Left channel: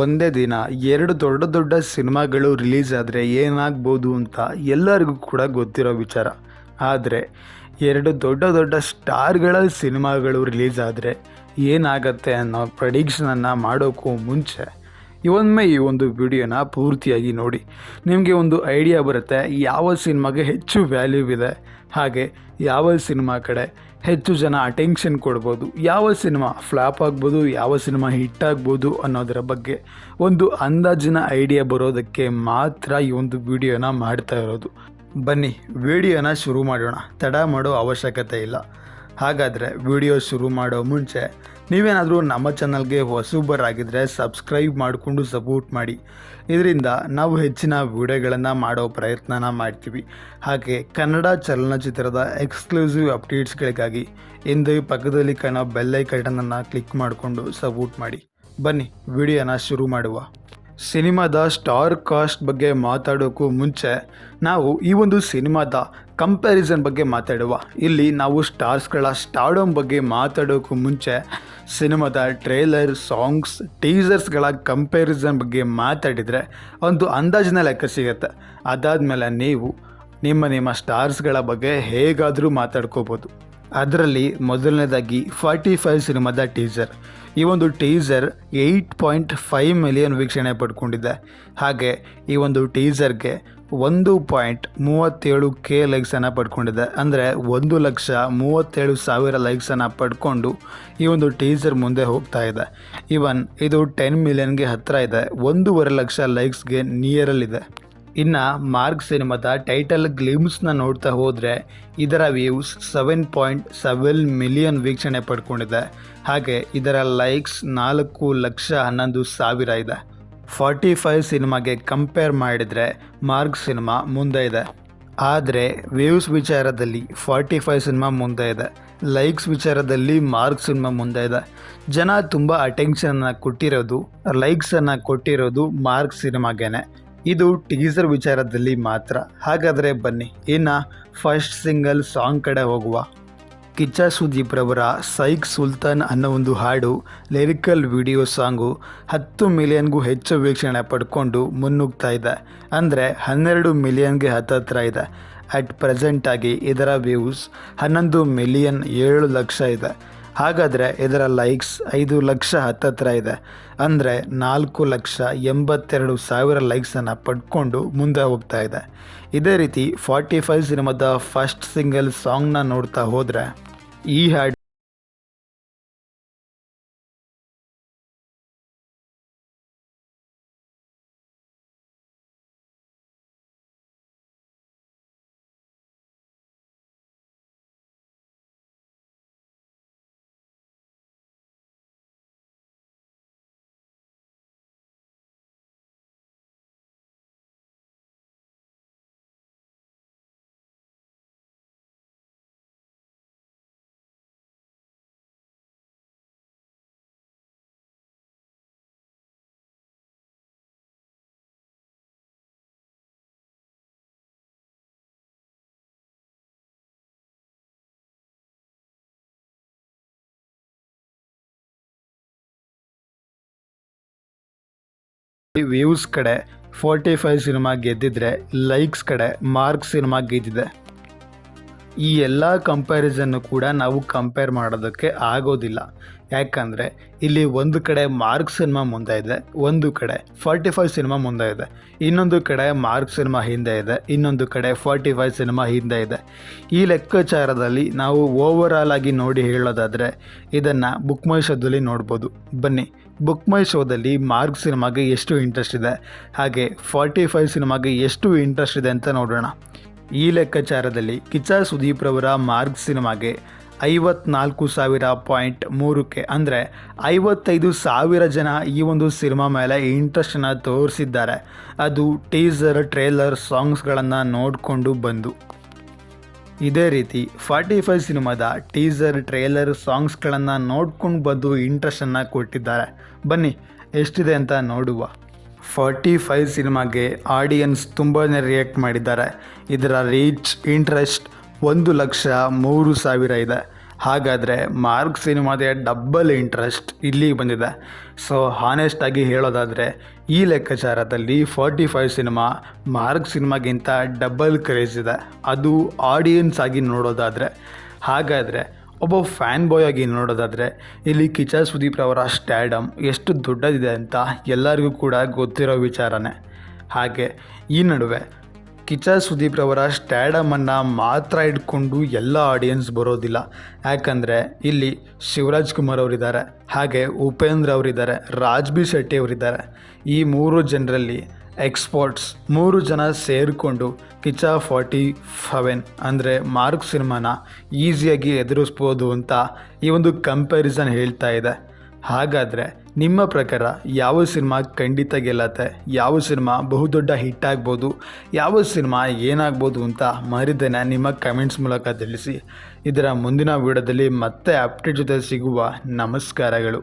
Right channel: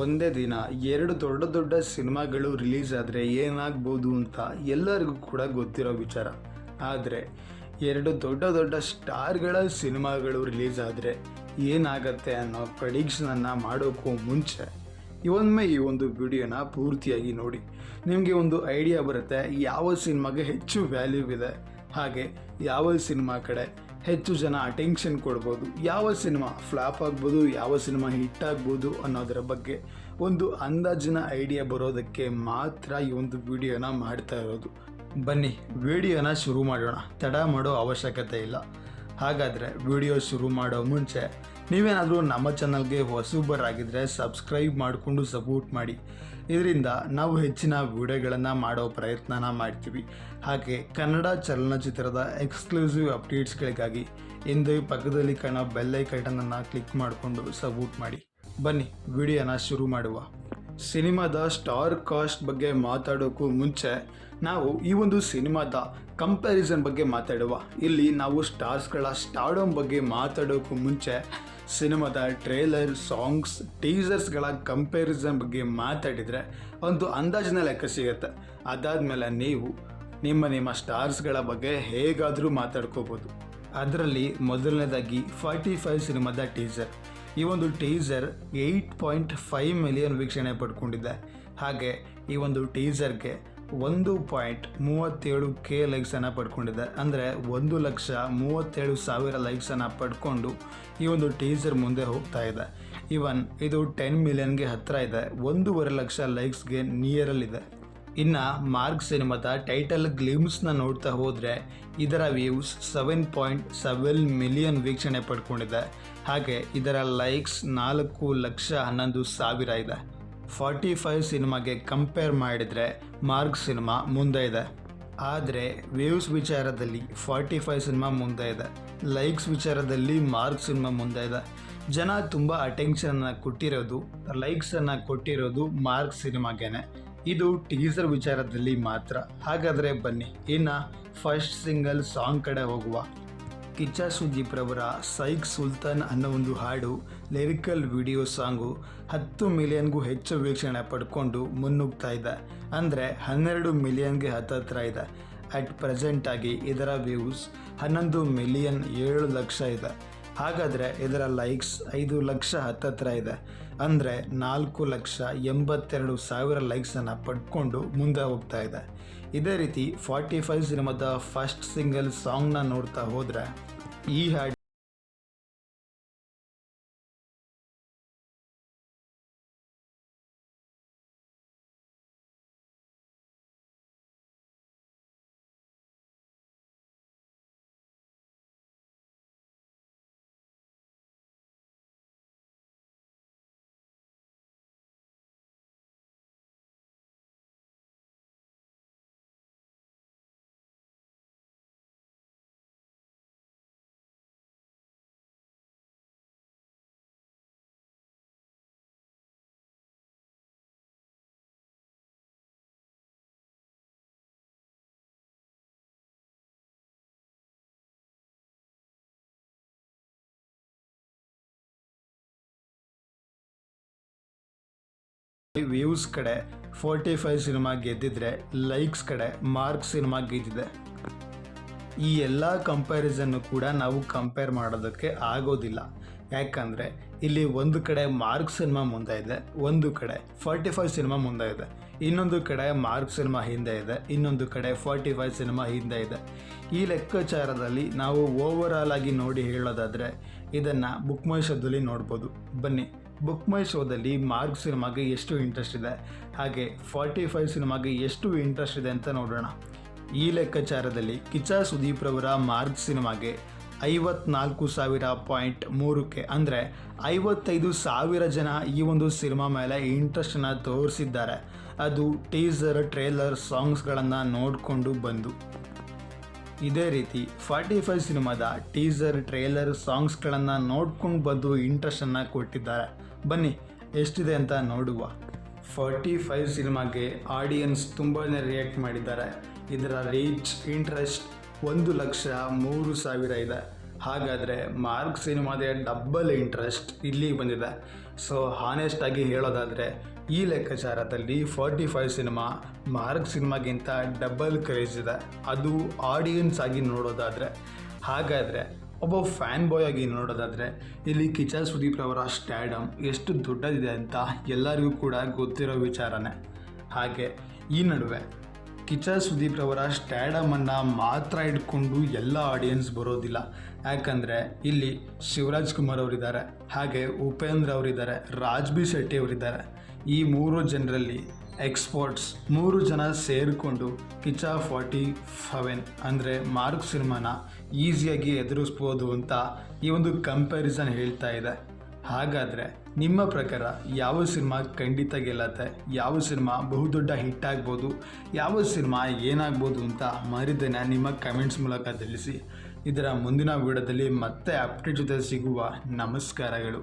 ಒಂದೇ ದಿನ ಎರಡು ದೊಡ್ಡ ದೊಡ್ಡ ಸಿನಿಮಾಗಳು ರಿಲೀಸ್ ಆದರೆ ಏನಾಗ್ಬೋದು ಅಂತ ಎಲ್ಲರಿಗೂ ಕೂಡ ಗೊತ್ತಿರೋ ವಿಚಾರ. ಆದರೆ ಎರಡು ದೊಡ್ಡ ದೊಡ್ಡ ಸ್ಟಾರ್ಗಳ ಸಿನಿಮಾಗಳು ರಿಲೀಸ್ ಆದರೆ ಏನಾಗತ್ತೆ ಅನ್ನೋ ಪ್ರೆಡಿಕ್ಷನನ್ನು ಮಾಡೋಕ್ಕೂ ಮುಂಚೆ ಈ ಒಂದು ವಿಡಿಯೋನ ಪೂರ್ತಿಯಾಗಿ ನೋಡಿ. ನಿಮಗೆ ಒಂದು ಐಡಿಯಾ ಬರುತ್ತೆ ಯಾವ ಸಿನಿಮಾಗೆ ಹೆಚ್ಚು ವ್ಯಾಲ್ಯೂ ಇದೆ, ಹಾಗೆ ಯಾವ ಸಿನಿಮಾ ಕಡೆ ಹೆಚ್ಚು ಜನ ಅಟೆನ್ಷನ್ ಕೊಡ್ಬೋದು, ಯಾವ ಸಿನಿಮಾ ಫ್ಲಾಪ್ ಆಗ್ಬೋದು, ಯಾವ ಸಿನಿಮಾ ಹಿಟ್ ಆಗ್ಬೋದು ಅನ್ನೋದರ ಬಗ್ಗೆ ಒಂದು ಅಂದಾಜಿನ ಐಡಿಯಾ ಬರೋದಕ್ಕೆ ಮಾತ್ರ ಈ ಒಂದು ವಿಡಿಯೋನ ಮಾಡ್ತಾ ಇರೋದು. ಬನ್ನಿ ವಿಡಿಯೋನ ಶುರು ಮಾಡೋಣ, ತಡ ಮಾಡೋ ಅವಶ್ಯಕತೆ ಇಲ್ಲ. ಹಾಗಾದರೆ ವಿಡಿಯೋ ಶುರು ಮಾಡೋ ಮುಂಚೆ ನೀವೇನಾದರೂ ನಮ್ಮ ಚಾನಲ್ಗೆ ಹೊಸಬರಾಗಿದ್ದರೆ ಸಬ್ಸ್ಕ್ರೈಬ್ ಮಾಡಿಕೊಂಡು ಸಪೋರ್ಟ್ ಮಾಡಿ. ಇದರಿಂದ ನಾವು ಹೆಚ್ಚಿನ ವಿಡಿಯೋಗಳನ್ನು ಮಾಡೋ ಪ್ರಯತ್ನನ ಮಾಡ್ತೀವಿ. ಹಾಗೆ ಕನ್ನಡ ಚಲನಚಿತ್ರದ ಎಕ್ಸ್ಕ್ಲೂಸಿವ್ ಅಪ್ಡೇಟ್ಸ್ಗಳಿಗಾಗಿ ಹಿಂದೆ ಪಕ್ಕದಲ್ಲಿ ಕಾಣೋ ಬೆಲ್ ಐಕಾನನ್ನು ಕ್ಲಿಕ್ ಮಾಡಿಕೊಂಡು ಸಪೋರ್ಟ್ ಮಾಡಿ. ಬನ್ನಿ ವಿಡಿಯೋನ ಶುರು ಮಾಡುವ. ಸಿನಿಮಾದ ಸ್ಟಾರ್ ಕಾಸ್ಟ್ ಬಗ್ಗೆ ಮಾತಾಡೋಕ್ಕೂ ಮುಂಚೆ ನಾವು ಈ ಒಂದು ಸಿನಿಮಾದ ಕಂಪ್ಯಾರಿಸನ್ ಬಗ್ಗೆ ಮಾತಾಡುವ. ಇಲ್ಲಿ ನಾವು ಸ್ಟಾರ್ಸ್ಗಳ ಸ್ಟಾರ್ಡಮ್ ಬಗ್ಗೆ ಮಾತಾಡೋಕ್ಕೂ ಮುಂಚೆ ಸಿನಿಮಾದ ಟ್ರೇಲರ್, ಸಾಂಗ್ಸ್, ಟೀಸರ್ಸ್ಗಳ ಕಂಪ್ಯಾರಿಸನ್ ಬಗ್ಗೆ ಮಾತಾಡಿದರೆ ಒಂದು ಅಂದಾಜಿನ ಲೆಕ್ಕ ಸಿಗುತ್ತೆ. ಅದಾದಮೇಲೆ ನೀವು ನಿಮ್ಮ ಸ್ಟಾರ್ಸ್ಗಳ ಬಗ್ಗೆ ಹೇಗಾದರೂ ಮಾತಾಡ್ಕೋಬೋದು. ಅದರಲ್ಲಿ ಮೊದಲನೇದಾಗಿ 45 ಸಿನಿಮಾದ ಟೀಸರ್. ಈ ಒಂದು ಟೀಸರ್ 8.5 ಮಿಲಿಯನ್ ವೀಕ್ಷಣೆ ಪಡ್ಕೊಂಡಿದೆ. ಹಾಗೆ ಈ ಒಂದು ಟೀಸರ್ಗೆ 1.37K ಲೈಕ್ಸನ್ನು ಪಡ್ಕೊಂಡಿದೆ. ಅಂದರೆ 1,37,000 ಲೈಕ್ಸನ್ನು ಪಡ್ಕೊಂಡು ಈ ಒಂದು ಟೀಸರ್ ಮುಂದೆ ಹೋಗ್ತಾ ಇದೆ. ಇವನ್ ಇದು 10 ಮಿಲಿಯನ್ಗೆ ಹತ್ತಿರ ಇದೆ, 1.5 ಲಕ್ಷ ಲೈಕ್ಸ್ಗೆ ನಿಯರಲ್ಲಿದೆ. ಇನ್ನು ಮಾರ್ಕ್ ಸಿನಿಮಾದ ಟೈಟಲ್ ಗ್ಲಿಮ್ಸ್ನ ನೋಡ್ತಾ ಹೋದರೆ ಇದರ ವ್ಯೂಸ್ 7.7 ಮಿಲಿಯನ್ ವೀಕ್ಷಣೆ ಪಡ್ಕೊಂಡಿದೆ. ಹಾಗೆ ಇದರ ಲೈಕ್ಸ್ 4,11,000 ಇದೆ. 45 ಸಿನಿಮಾಗೆ ಕಂಪೇರ್ ಮಾಡಿದರೆ ಮಾರ್ಕ್ ಸಿನಿಮಾ ಮುಂದೆ ಇದೆ. ಆದರೆ ವ್ಯೂಸ್ ವಿಚಾರದಲ್ಲಿ 45 ಸಿನಿಮಾ ಮುಂದೆ ಇದೆ, ಲೈಕ್ಸ್ ವಿಚಾರದಲ್ಲಿ ಮಾರ್ಕ್ ಸಿನಿಮಾ ಮುಂದೆ ಇದೆ. ಜನ ತುಂಬ ಅಟೆನ್ಷನನ್ನು ಕೊಟ್ಟಿರೋದು, ಲೈಕ್ಸನ್ನು ಕೊಟ್ಟಿರೋದು ಮಾರ್ಕ್ ಸಿನಿಮಾಗೇನೆ. ಇದು ಟೀಸರ್ ವಿಚಾರದಲ್ಲಿ ಮಾತ್ರ. ಹಾಗಾದರೆ ಬನ್ನಿ ಇನ್ನು ಫಸ್ಟ್ ಸಿಂಗಲ್ ಸಾಂಗ್ ಕಡೆ ಹೋಗುವ. ಕಿಚ್ಚ ಸುದೀಪ್ ರವರ ಸೈಕ್ ಸುಲ್ತಾನ್ ಅನ್ನೋ ಒಂದು ಹಾಡು ಲಿರಿಕಲ್ ವಿಡಿಯೋ ಸಾಂಗು 10 ಮಿಲಿಯನ್ಗೂ ಹೆಚ್ಚು ವೀಕ್ಷಣೆ ಪಡ್ಕೊಂಡು ಮುನ್ನುಗ್ತಾ ಇದೆ. ಅಂದರೆ 12 ಮಿಲಿಯನ್ಗೆ ಹತ್ತಿರ ಇದೆ. ಅಟ್ ಪ್ರೆಸೆಂಟಾಗಿ ಇದರ ವ್ಯೂಸ್ 11 ಮಿಲಿಯನ್ 7 ಲಕ್ಷ ಇದೆ. ಹಾಗಾದರೆ ಇದರ ಲೈಕ್ಸ್ 5 ಲಕ್ಷ ಹತ್ತಿರ ಇದೆ. ಅಂದರೆ 4,82,000 ಲೈಕ್ಸನ್ನು ಪಡ್ಕೊಂಡು ಮುಂದೆ ಹೋಗ್ತಾ ಇದೆ. ಇದೇ ರೀತಿ 45 ಸಿನಿಮಾದ ಫಸ್ಟ್ ಸಿಂಗಲ್ ಸಾಂಗ್ನ ನೋಡ್ತಾ ಹೋದರೆ ಈ ಹಾಡು ವ್ಯೂಸ್ ಕಡೆ 45 ಸಿನಿಮಾ ಗೆದ್ದಿದ್ರೆ ಲೈಕ್ಸ್ ಕಡೆ ಮಾರ್ಕ್ ಸಿನಿಮಾ ಗೆದ್ದಿದೆ. ಈ ಎಲ್ಲ ಕಂಪ್ಯಾರಿಸನ್ನು ಕೂಡ ನಾವು ಕಂಪೇರ್ ಮಾಡೋದಕ್ಕೆ ಆಗೋದಿಲ್ಲ. ಯಾಕಂದರೆ ಇಲ್ಲಿ ಒಂದು ಕಡೆ ಮಾರ್ಕ್ ಸಿನಿಮಾ ಮುಂದೆ ಇದೆ, ಒಂದು ಕಡೆ 45 ಸಿನಿಮಾ ಮುಂದೆ ಇದೆ, ಇನ್ನೊಂದು ಕಡೆ ಮಾರ್ಕ್ ಸಿನಿಮಾ ಹಿಂದೆ ಇದೆ, ಇನ್ನೊಂದು ಕಡೆ 45 ಸಿನಿಮಾ ಹಿಂದೆ ಇದೆ. ಈ ಲೆಕ್ಕಾಚಾರದಲ್ಲಿ ನಾವು ಓವರಾಲ್ ಆಗಿ ನೋಡಿ ಹೇಳೋದಾದರೆ ಇದನ್ನು ಬುಕ್ ಮೈ ಶೋದಲ್ಲಿ ನೋಡ್ಬೋದು. ಬನ್ನಿ ಬುಕ್ ಮೈ ಶೋದಲ್ಲಿ ಮಾರ್ಕ್ ಸಿನಿಮಾಗೆ ಎಷ್ಟು ಇಂಟ್ರೆಸ್ಟ್ ಇದೆ, ಹಾಗೆ 45 ಸಿನಿಮಾಗೆ ಎಷ್ಟು ಇಂಟ್ರೆಸ್ಟ್ ಇದೆ ಅಂತ ನೋಡೋಣ. ಈ ಲೆಕ್ಕಾಚಾರದಲ್ಲಿ ಕಿಚ್ಚ ಸುದೀಪ್ ರವರ ಮಾರ್ಕ್ ಸಿನಿಮಾಗೆ 54,000.3K ಅಂದರೆ 55,000 ಜನ ಈ ಒಂದು ಸಿನಿಮಾ ಮೇಲೆ ಇಂಟ್ರೆಸ್ಟನ್ನು ತೋರಿಸಿದ್ದಾರೆ. ಅದು ಟೀಸರ್, ಟ್ರೇಲರ್, ಸಾಂಗ್ಸ್ಗಳನ್ನು ನೋಡಿಕೊಂಡು ಬಂದು. ಇದೇ ರೀತಿ 45 ಸಿನಿಮಾದ ಟೀಸರ್, ಟ್ರೇಲರ್, ಸಾಂಗ್ಸ್ಗಳನ್ನು ನೋಡ್ಕೊಂಡು ಬಂದು ಇಂಟ್ರೆಸ್ಟನ್ನು ಕೊಟ್ಟಿದ್ದಾರೆ. ಬನ್ನಿ ಎಷ್ಟಿದೆ ಅಂತ ನೋಡುವ. 45 ಸಿನಿಮಾಗೆ ಆಡಿಯನ್ಸ್ ತುಂಬಾ ರಿಯಾಕ್ಟ್ ಮಾಡಿದ್ದಾರೆ. ಇದರ ರೀಚ್, ಇಂಟ್ರೆಸ್ಟ್ 1,03,000 ಇದೆ. ಹಾಗಾದರೆ ಮಾರ್ಕ್ ಸಿನಿಮಾದ ಡಬ್ಬಲ್ ಇಂಟ್ರೆಸ್ಟ್ ಇಲ್ಲಿ ಬಂದಿದೆ. ಸೊ ಹಾನೆಸ್ಟಾಗಿ ಹೇಳೋದಾದರೆ ಈ ಲೆಕ್ಕಾಚಾರದಲ್ಲಿ 45 ಸಿನಿಮಾ ಮಾರ್ಕ್ ಸಿನಿಮಾಗಿಂತ ಡಬಲ್ ಕ್ರೇಜ್ ಇದೆ, ಅದು ಆಡಿಯನ್ಸ್ ಆಗಿ ನೋಡೋದಾದರೆ. ಹಾಗಾದರೆ ಒಬ್ಬ ಫ್ಯಾನ್ ಬಾಯ್ ಆಗಿ ನೋಡೋದಾದರೆ ಇಲ್ಲಿ ಕಿಚ್ಚ ಸುದೀಪ್ ಅವರ ಸ್ಟ್ಯಾಡಮ್ ಎಷ್ಟು ದೊಡ್ಡದಿದೆ ಅಂತ ಎಲ್ಲರಿಗೂ ಕೂಡ ಗೊತ್ತಿರೋ ವಿಚಾರನೇ. ಹಾಗೆ ಈ ನಡುವೆ ಕಿಚ್ಚ ಸುದೀಪ್ ರವರ ಸ್ಟ್ಯಾಡಮನ್ನು ಮಾತ್ರ ಇಟ್ಕೊಂಡು ಎಲ್ಲ ಆಡಿಯನ್ಸ್ ಬರೋದಿಲ್ಲ. ಯಾಕಂದರೆ ಇಲ್ಲಿ ಶಿವರಾಜ್ ಕುಮಾರ್ ಅವರಿದ್ದಾರೆ, ಹಾಗೆ ಉಪೇಂದ್ರ ಅವರಿದ್ದಾರೆ, ರಾಜ್ ಬಿ ಶೆಟ್ಟಿ ಅವರಿದ್ದಾರೆ. ಈ 3 ಜನರಲ್ಲಿ ಎಕ್ಸ್ಪರ್ಟ್ಸ್ 3 ಜನ ಸೇರಿಕೊಂಡು ಕಿಚ್ಚ 47 ಅಂದರೆ ಮಾರ್ಕ್ ಸಿನಿಮಾನ ಈಸಿಯಾಗಿ ಎದುರಿಸ್ಬೋದು ಅಂತ ಈ ಒಂದು ಕಂಪ್ಯಾರಿಸನ್ ಹೇಳ್ತಾ ಇದೆ. ಹಾಗಾದರೆ ನಿಮ್ಮ ಪ್ರಕಾರ ಯಾವ ಸಿನಿಮಾ ಖಂಡಿತ ಗೆಲ್ಲತ್ತೆ, ಯಾವ ಸಿನಿಮಾ ಬಹುದೊಡ್ಡ ಹಿಟ್ ಆಗ್ಬೋದು, ಯಾವ ಸಿನಿಮಾ ಏನಾಗ್ಬೋದು ಅಂತ ಮರಿದೇನೆ ನಿಮ್ಮ ಕಮೆಂಟ್ಸ್ ಮೂಲಕ ತಿಳಿಸಿ. ಇದರ ಮುಂದಿನ ವಿಡಿಯೋದಲ್ಲಿ ಮತ್ತೆ ಅಪ್ಡೇಟ್ ಜೊತೆ ಸಿಗುವ. ನಮಸ್ಕಾರಗಳು.